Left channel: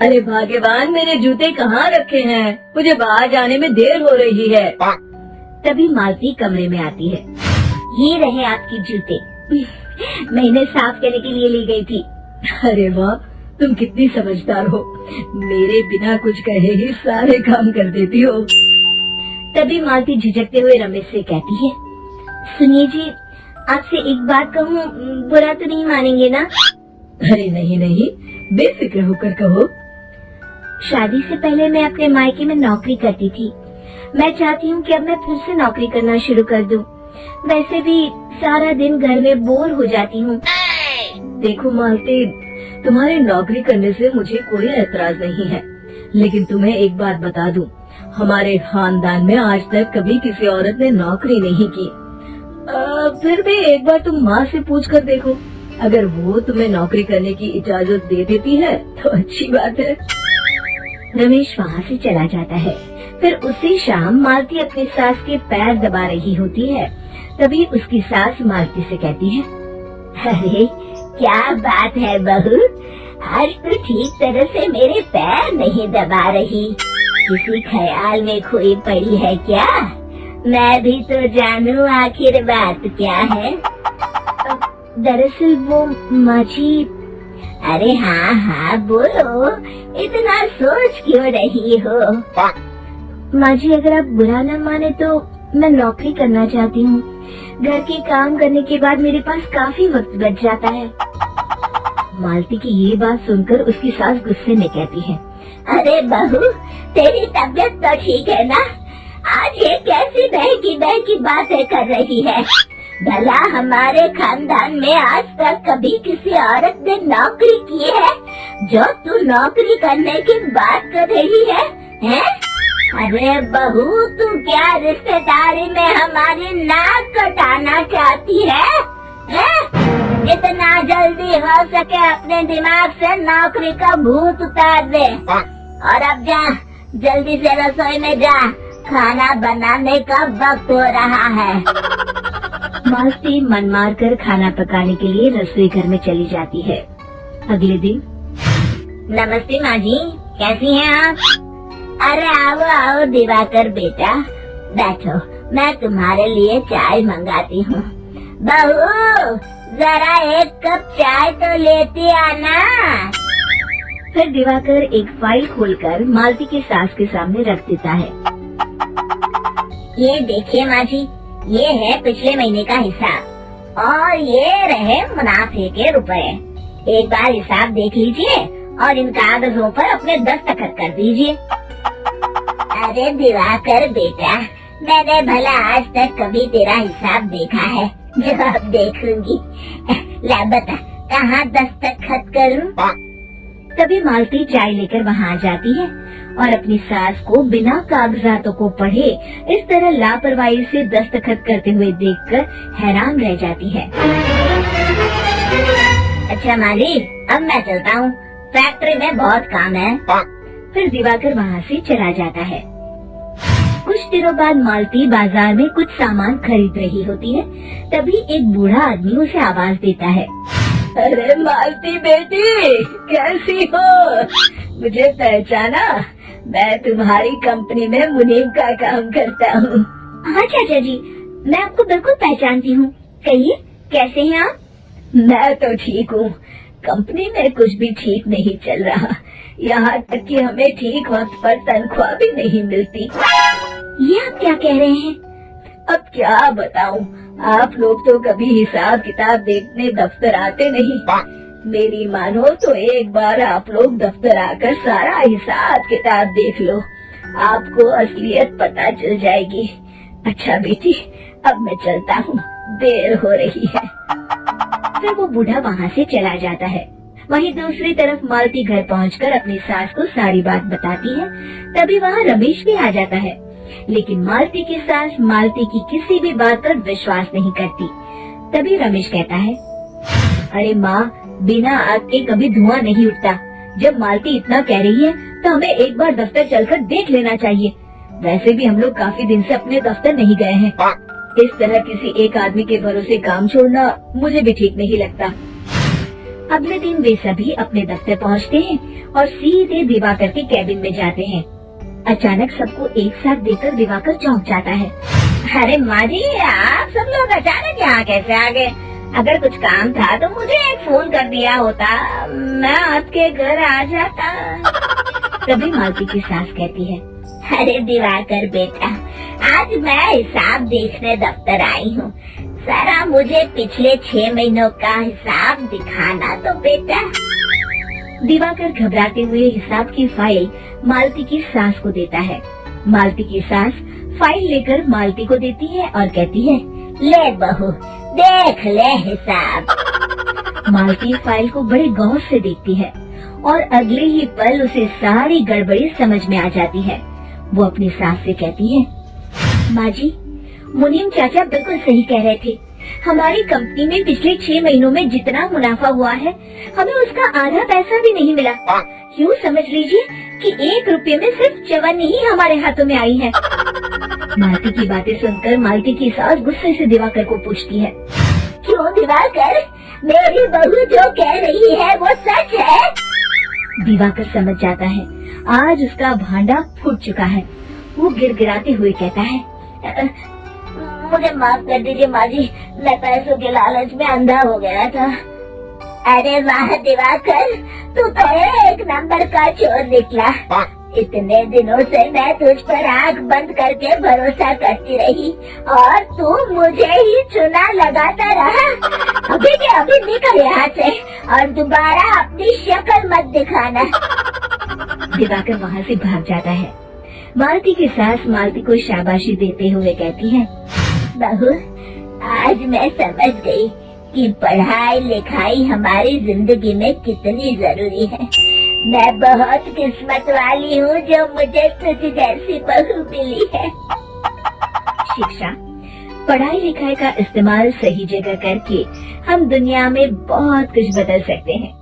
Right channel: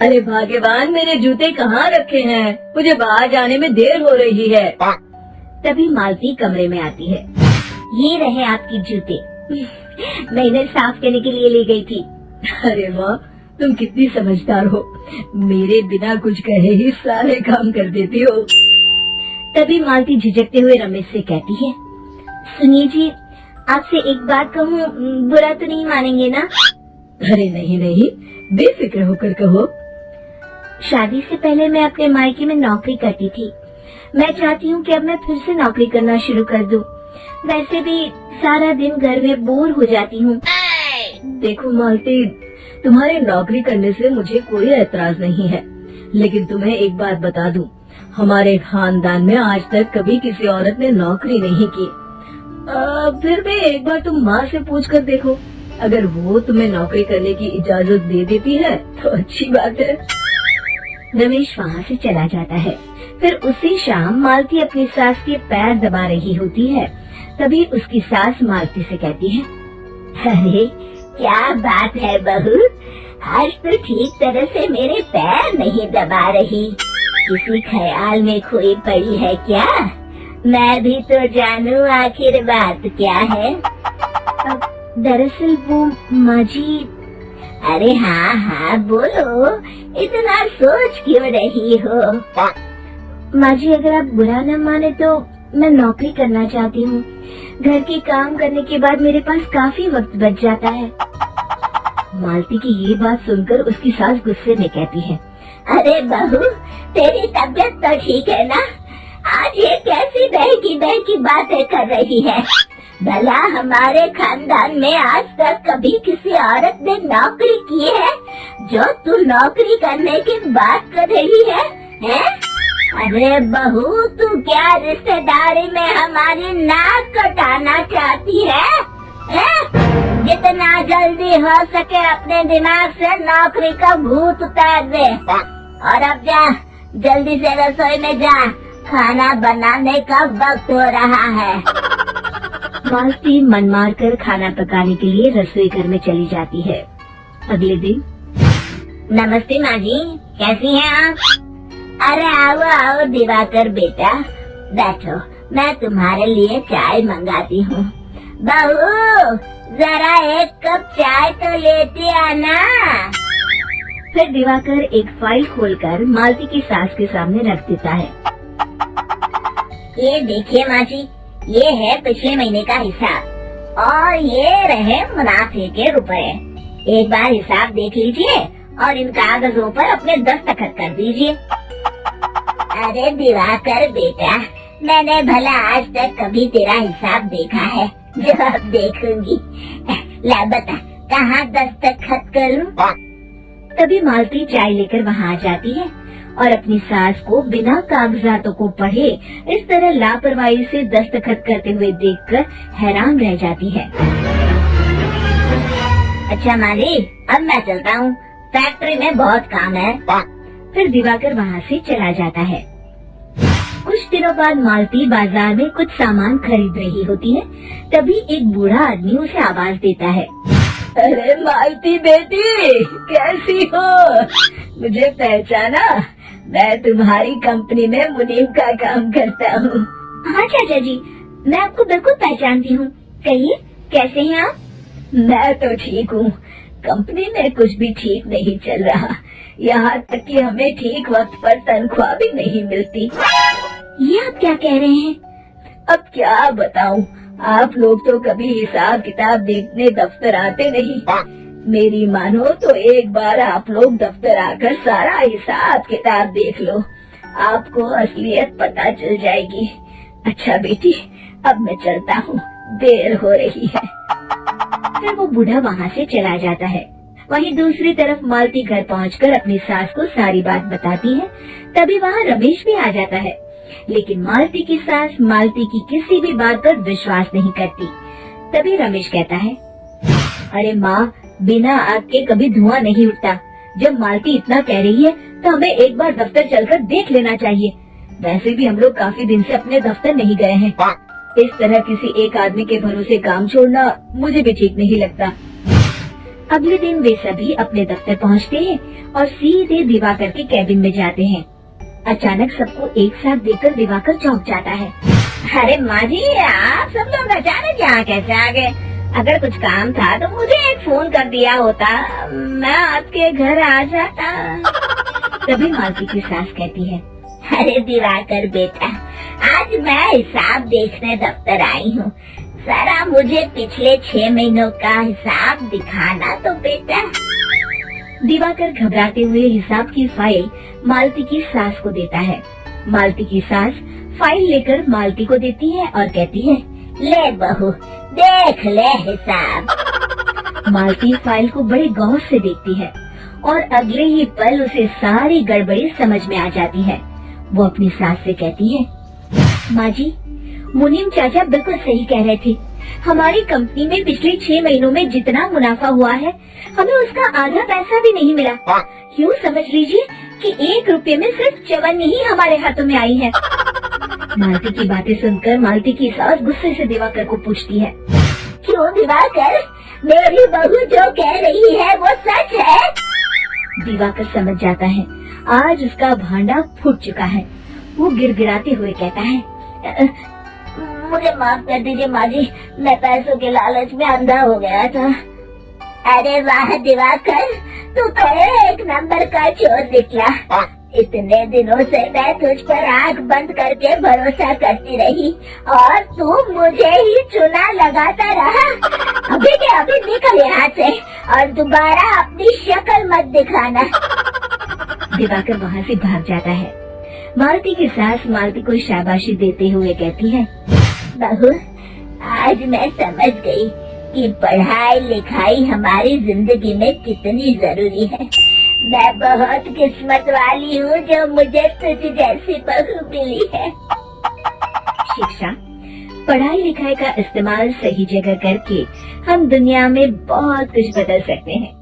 अरे भाग्यवान, मेरे जूते कहाँ रखे हैं? मुझे बाहर जाने में देर हो रही है। तभी मालती कमरे में आती है। ये रहे आपके जूते। मैं इन्हें साफ करने के लिए ले गई थी। अरे वाह, तुम कितनी समझदार हो। मेरे बिना कुछ कहे ही सारे काम कर देती हो। तभी मालती झिझकते हुए रमेश से कहती है, सुनिए जी, आपसे एक बात कहूँ, बुरा तो नहीं मानेंगे ना? अरे नहीं नहीं, बेफिक्र होकर कहो। शादी से पहले मैं अपने मायके में नौकरी करती थी। मैं चाहती हूँ कि अब मैं फिर से नौकरी करना शुरू कर दूँ। वैसे भी सारा दिन घर में बोर हो जाती हूँ। देखो मालती, तुम्हारी नौकरी करने से मुझे कोई एतराज नहीं है, लेकिन तुम्हें एक बात बता दूं, हमारे खानदान में आज तक कभी किसी औरत ने नौकरी नहीं की। फिर भी एक बार तुम माँ से पूछ कर देखो, अगर वो तुम्हें नौकरी करने की इजाजत दे देती है तो अच्छी बात है। रमेश वहाँ से चला जाता है। फिर उसी शाम मालती अपनी सास के पैर दबा रही होती है। तभी उसकी सास मालती से कहती है, अरे क्या बात है बहू, आज तो ठीक तरह से मेरे पैर नहीं दबा रही। किसी ख्याल में खोई पड़ी है क्या? मैं भी तो जानूं आखिर बात क्या है। दरअसल वो माँ जी। अरे हाँ हाँ बोलो, इतना सोच क्यों रही हो? माँ जी, अगर आप बुरा न माने तो मैं नौकरी करना चाहती हूँ। घर के काम करने के बाद मेरे पास काफी वक्त बच जाता है। मालती की ये बात सुनकर उसकी सास गुस्से में कहती है, अरे बहू, तेरी तबीयत तो ठीक है ना? आज ये कैसी बहकी बातें कर रही है? भला हमारे खानदान में आज तक कभी किसी औरत ने नौकरी की है जो तू नौकरी करने की बात कर रही है, हैं? अरे बहू, तू क्या रिश्तेदारी में हमारी नाक कटाना चाहती है? जितना जल्दी हो सके अपने दिमाग से नौकरी का भूत उतार दे। और अब जा, जल्दी से रसोई में जा, खाना बनाने का वक्त हो रहा है। मालती मन मार कर खाना पकाने के लिए रसोई घर में चली जाती है। अगले दिन, नमस्ते माँ जी, कैसी हैं आप? अरे आओ आओ दिवाकर बेटा, बैठो, मैं तुम्हारे लिए चाय मंगाती हूँ। बहू, जरा एक कप चाय तो लेती आना। फिर दिवाकर एक फाइल खोलकर मालती की सास के सामने रख देता है। ये देखिए माँ जी, ये है पिछले महीने का हिसाब और ये रहे मुनाफे के रुपए। एक बार हिसाब देख लीजिए और इन कागजों पर अपने दस्तखत कर दीजिए। अरे दिवाकर बेटा, मैंने भला आज तक कभी तेरा हिसाब देखा है जो अब देखूंगी? ला बता, कहाँ दस्तखत करूं? तभी मालती चाय लेकर वहाँ आ जाती है और अपनी सास को बिना कागजातों को पढ़े इस तरह लापरवाही से दस्तखत करते हुए देखकर हैरान रह जाती है। अच्छा माली, अब मैं चलता हूँ, फैक्ट्री में बहुत काम है। फिर दिवाकर वहाँ से चला जाता है। कुछ दिनों बाद मालती बाजार में कुछ सामान खरीद रही होती है। तभी एक बूढ़ा आदमी उसे आवाज देता है, अरे मालती बेटी, कैसी हो? मुझे पहचाना? मैं तुम्हारी कंपनी में मुनीब का काम करता हूँ। हाँ चाचा जी, मैं आपको बिल्कुल पहचानती हूँ। कहिए, कैसे हैं आप? मैं तो ठीक हूँ। कंपनी में कुछ भी ठीक नहीं चल रहा, यहाँ तक कि हमें ठीक वक्त पर तनख्वाह भी नहीं मिलती। ये आप क्या कह रहे हैं? अब क्या बताऊँ, आप लोग तो कभी हिसाब किताब देखने दफ्तर आते नहीं। मेरी मानो तो एक बार आप लोग दफ्तर आकर सारा हिसाब किताब देख लो, आपको असलियत पता चल जाएगी। अच्छा बेटी, अब मैं चलता हूँ, देर हो रही है। फिर वो बूढ़ा वहाँ से चला जाता है। वहीं दूसरी तरफ मालती घर पहुंचकर अपनी सास को सारी बात बताती है। तभी वहाँ रमेश भी आ जाता है, लेकिन मालती की सास मालती की किसी भी बात पर विश्वास नहीं करती। तभी रमेश कहता है, अरे माँ, बिना आग के कभी धुआं नहीं उठता। जब मालती इतना कह रही है तो हमें एक बार दफ्तर चलकर देख लेना चाहिए। वैसे भी हम लोग काफी दिन से अपने दफ्तर नहीं गए हैं। इस तरह किसी एक आदमी के भरोसे काम छोड़ना मुझे भी ठीक नहीं लगता। अगले दिन वे सभी अपने दफ्तर पहुंचते हैं और सीधे दिवाकर के कैबिन में जाते हैं। अचानक सबको एक साथ देखकर दिवाकर चौंक जाता है। अरे माँ जी, आप सब लोग अचानक यहाँ कैसे आ गए? अगर कुछ काम था तो मुझे एक फोन कर दिया होता, मैं आपके घर आ जाता। तभी मालती की सास कहती है, अरे दिवाकर बेटा, आज मैं हिसाब देखने दफ्तर आई हूँ। जरा मुझे पिछले 6 महीनों का हिसाब दिखाना तो बेटा। दिवाकर घबराते हुए हिसाब की फाइल मालती की सास को देता है। मालती की सास फाइल लेकर मालती को देती है और कहती है, ले बहू, देख ले हिसाब। मालती फाइल को बड़े गौर से देखती है और अगले ही पल उसे सारी गड़बड़ी समझ में आ जाती है। वो अपनी सास से कहती है, माँ जी, मुनीम चाचा बिल्कुल सही कह रहे थे। हमारी कंपनी में पिछले 6 महीनों में जितना मुनाफा हुआ है, हमें उसका आधा पैसा भी नहीं मिला। यूँ समझ लीजिए कि 1 रुपये में सिर्फ चवन्नी ही हमारे हाथों में आई है। मालती की बातें सुनकर मालती की सास गुस्से से दिवाकर को पूछती है, क्यों दिवाकर, मेरी बहू जो कह रही है वो सच है? दिवाकर समझ जाता है आज उसका भांडा फूट चुका है। वो गिड़गिड़ाते हुए कहता है, मुझे माफ कर दीजिए माँ जी, मैं पैसों के लालच में अंधा हो गया था। अरे वाह दिवाकर, तू तो एक नंबर का चोर निकला। इतने दिनों से मैं तुझ पर आंख बंद करके भरोसा करती रही और तू मुझे ही चुना लगाता रहा। अभी के अभी निकल यहाँ से और दोबारा अपनी शक्ल मत दिखाना। दिवाकर वहाँ से भाग जाता है। मालती की सास मालती को शाबाशी देते हुए कहती है, बहू, आज मैं समझ गई कि पढ़ाई लिखाई हमारी जिंदगी में कितनी जरूरी है। मैं बहुत किस्मत वाली हूँ जो मुझे तुझ जैसी बहू मिली है। शिक्षा, पढ़ाई लिखाई का इस्तेमाल सही जगह करके हम दुनिया में बहुत कुछ बदल सकते हैं।